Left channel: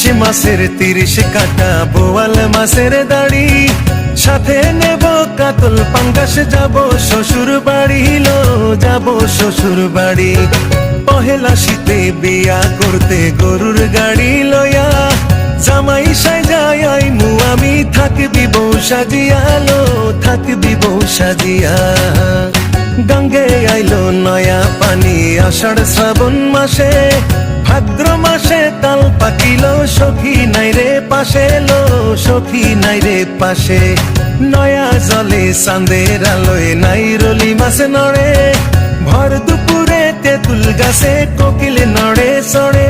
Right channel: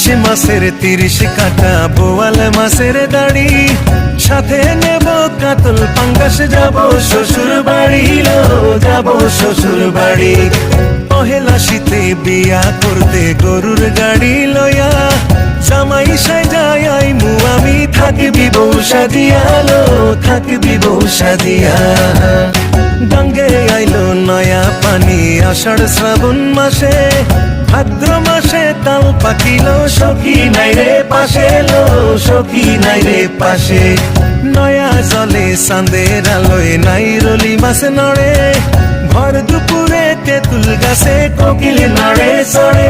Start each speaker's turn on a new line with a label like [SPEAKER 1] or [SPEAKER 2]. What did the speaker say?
[SPEAKER 1] ইলিশে মাছের তিরিশে দাড়ি। সাথে নেব কাতল পাঙ্গাসে, যাব শ্বশুর বাড়ি যাব শ্বশুর বাড়ি। পহেলা শীতে বিয়া করতে গরুর গাড়ি লয়া। জামাই সাজাই আইমু, আমি থাকবি বউ সাদিয়া লো থাকবি বউ সাদিয়া কি নাই রে পাশে? নয়া জলে চাঁদের আলোয় নাই রলি মাছে নড়ে। ভর দুপুরে তেঁতুল গাছে কোকিল নড়ে, চড়ে